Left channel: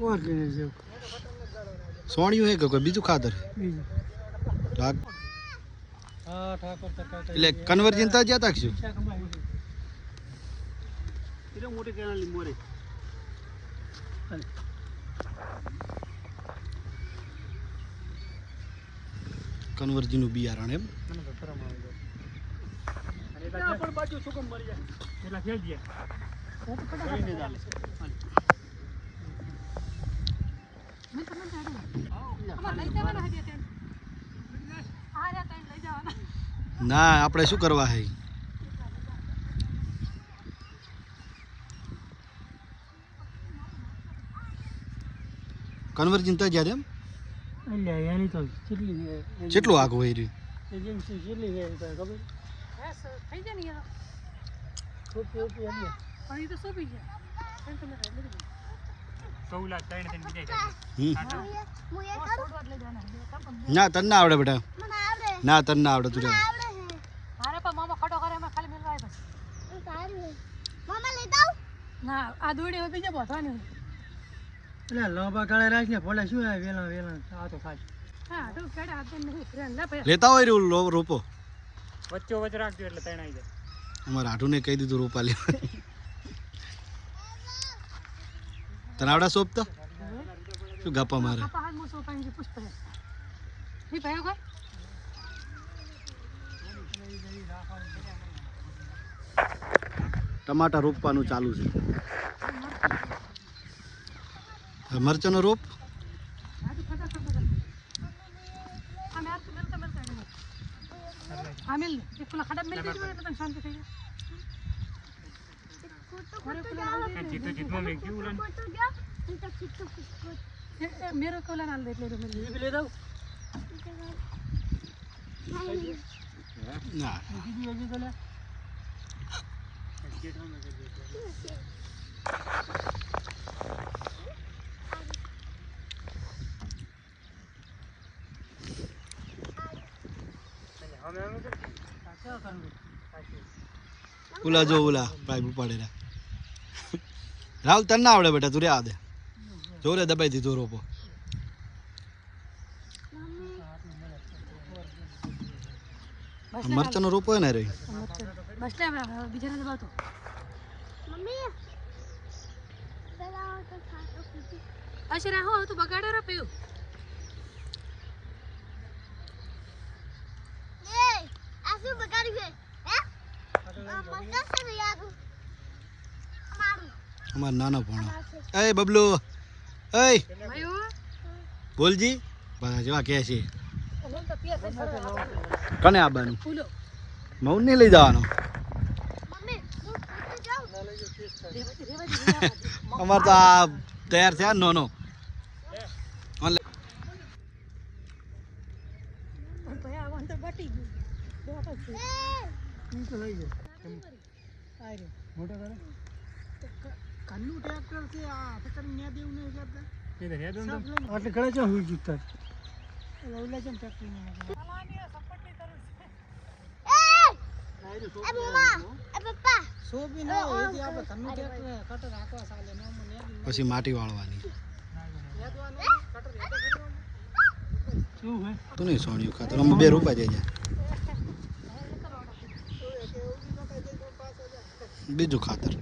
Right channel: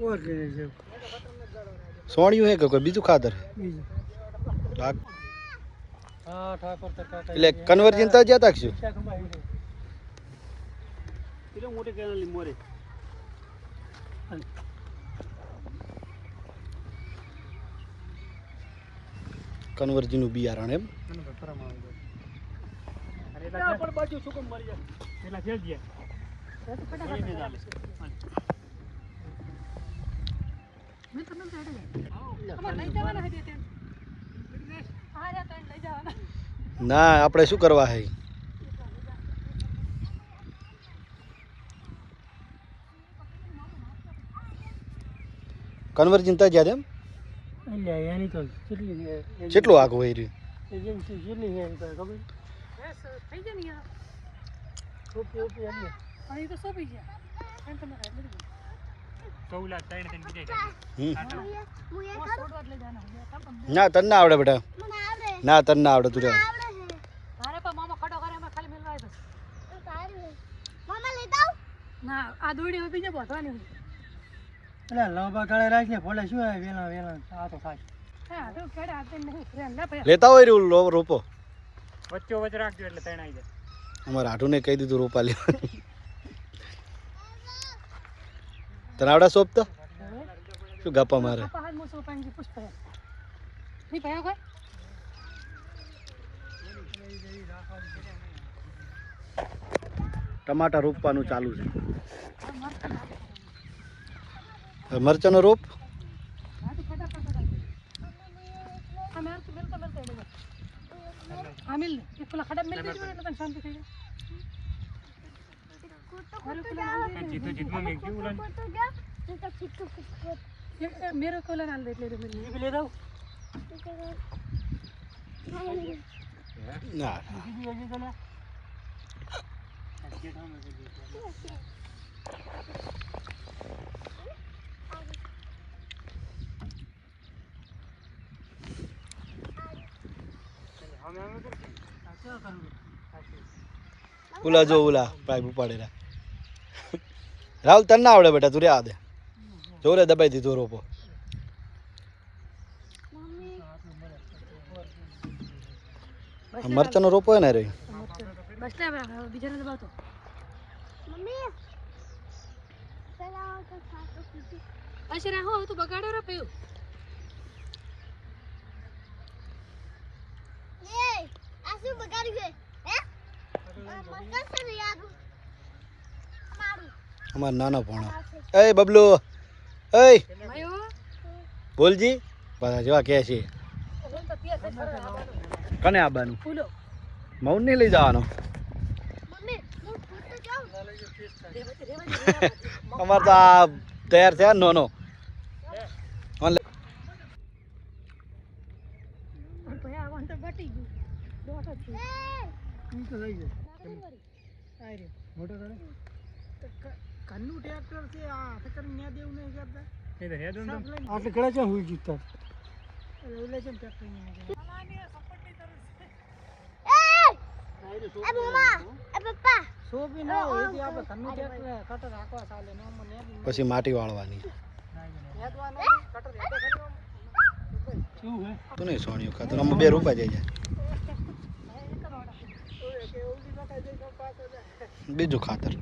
और के जो સોણિયું હે કે કોઈ બીજું ખાતર बीजू લાગ हां ठाकुर तक એટલે કન્વર્જન તો જ્યાં તાકશું क्या खंबा है इले मोटे केना मोरे કન્વર્જન નું બિયારણ એમ પણ પાછું સુકમ મરી જાય એટલા ફેલ ગયા ઓ તો કડા લઈ જવાના હે બે આ રે તઈ લઈ જવાના ના આપણે શું કરવા હે કન્વર્જન તો જ્યાં એમ એટલે એની તો કેટલી કેટલું આગું હોય રહ્યું એજન્સી કેટલી છે ખબર થઈ જાય ને યાર સોપી આવી પણ એ તો સોપી ગયા એમ તમે કૌલા ત્રણ ત્રણ બીજા ના તને ના આવડે બેટા ના તને ના આવડે તું જા મારે પણ મામા ખટો કરે અમે ખાલી મેલવાય બસ મામા લઈ જાવ ના આ દોડી હવે બીજે બોધવાની એટલે લાંબા ગાળે રાખીને ભલે શું આવે વેલા વેલા આ તો ખાય હા તો કેડે આ તો નહીં ના પડે લેતા હોય રહ્યું રોપો વચ્ચે વચ્ચે રાખજો એટલે ત્રણ આવી જાય અમારા આઠુને કહી દીધું રોપા લેવા તને આવડે સોપ તો શું ગપ્પા મારે હાથ મોસો પાણી પુષ્પ ની ભાઈ કોઈ ટમાટા રોપવાનું ચાલુ છે મરચાનો રોપ આમિલ એક પેલા ખડા મિલ દેજો એટલે તને શાંતિ થઈ જાય જીતો જીતમાં મેં ક્यों ઉલાન मेरे को डाल दे ले मेरे ले दो ના ઉલા જો ઉલા પાઇપ ઉપાડેલા રાહુલ તને ના આવડે બેટા તું રે આ દે જો રે દબાઈ દીધો રોપો મરચાનો રોપો હે ને રે બસ ને બીજાને દબાવતો મમ્મી પેલા તો ખાતો કુટી અશરા હો તું બગાડે રે પયો એ આસુ બગાડ્યું હે મરચા સે યાદ અમારું અમાર નાનો ભણો એ બબલુ એ બોલજી બધા જેવા કે છે કને આબાનું મૌન નહીં લઈ જવાનો અમાર તો આ તૈયાર થયા નો કન્નું ટ્રેક્ટર છે આ ફકર ને દેવું નહીં કરતા એ તો હેડ ઓન આટલે ઘડા ચા હોઈ જીતા ઓલે જેમ ટ્રેક્ટર ને આલાને સપોર્ટ નહીં કરે એ નાઈ રે સોપી એ પપ્પા સોપી ના એ જે આપણે કન્નું ટ્રેક્ટર કટર રાખવા સાલે પછી માટી વાળવાની શું હે તું નહીં સોણિયું ખાતર અમે બે રૂપા જાય બીજું ખાતર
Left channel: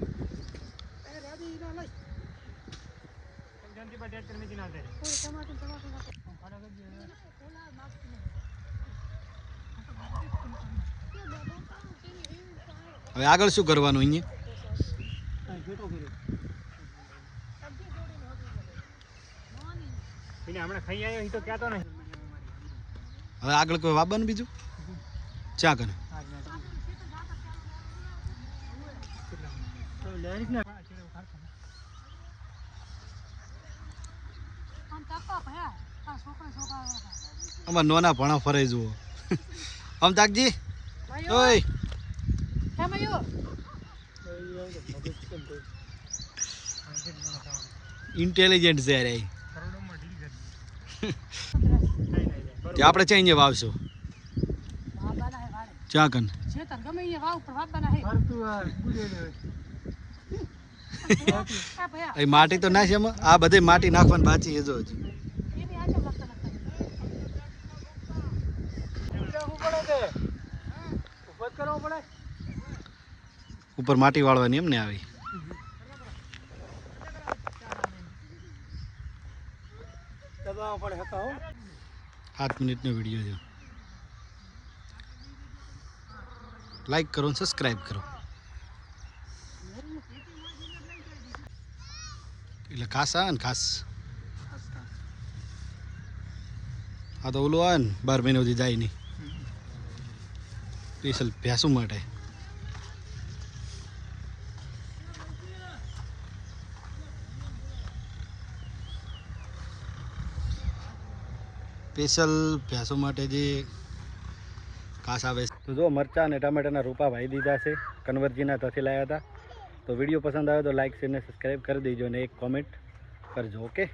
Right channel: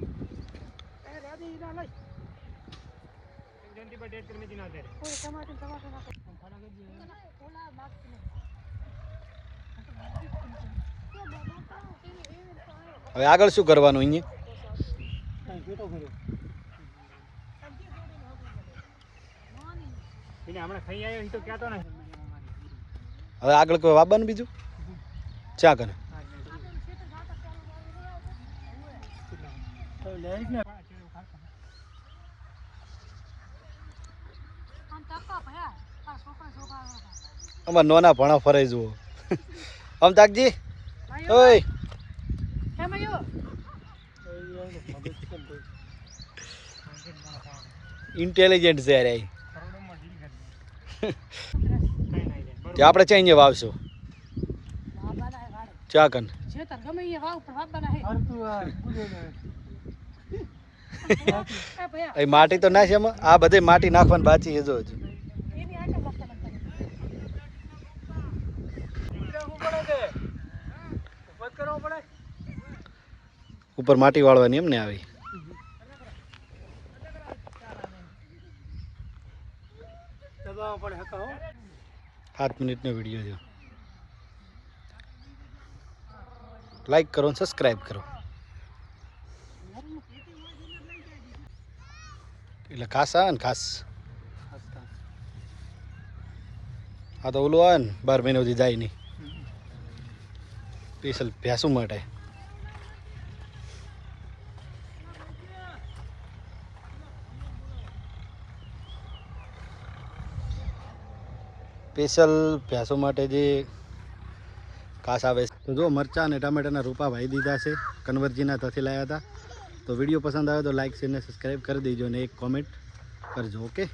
હવે આગળ શું કરવાનું અહીંયા હવે આગળ કોઈ વાવવાનું બીજું ચા કરે અમાર નોના ભણા ફરાઈ જુઓ આમ તાકજી ઓય ઇન્ટેલિજન્ટ છે યાર તે આપણે ચા અહીંયા વાવશું ચા કન આ ભયા એ માટી તો નાખી એમાં આ બધે માટી નાખવાની બાકી છે જો હજુ એની આંખે લાગતા લાગતા ઉપર માટી વાળવાની એમ ને આવી 7 મિનિટનો વિડીયો છે લાઈક કરો અને સબસ્ક્રાઈબ કરો એટલે ખાસ આવે ને ખાસ આ તો ઓલું આવે ને 12 મહિના સુધી જાય નહીં સ્પેશિયલ ભેંસું માટે સ્પેશિયલ ભેંસો માટે જે ઘાસ આવે તો જો મરચાં અને ટામેટાના રૂપા વાવી દીધા છે કન્વરજીના ત્યાંથી લાવ્યા હતા તો વિડીયો પસંદ આવે તો લાઈક શેર ને સબસ્ક્રાઈબ કરી દેજો અને એક કોમેન્ટ કરજો ઓકે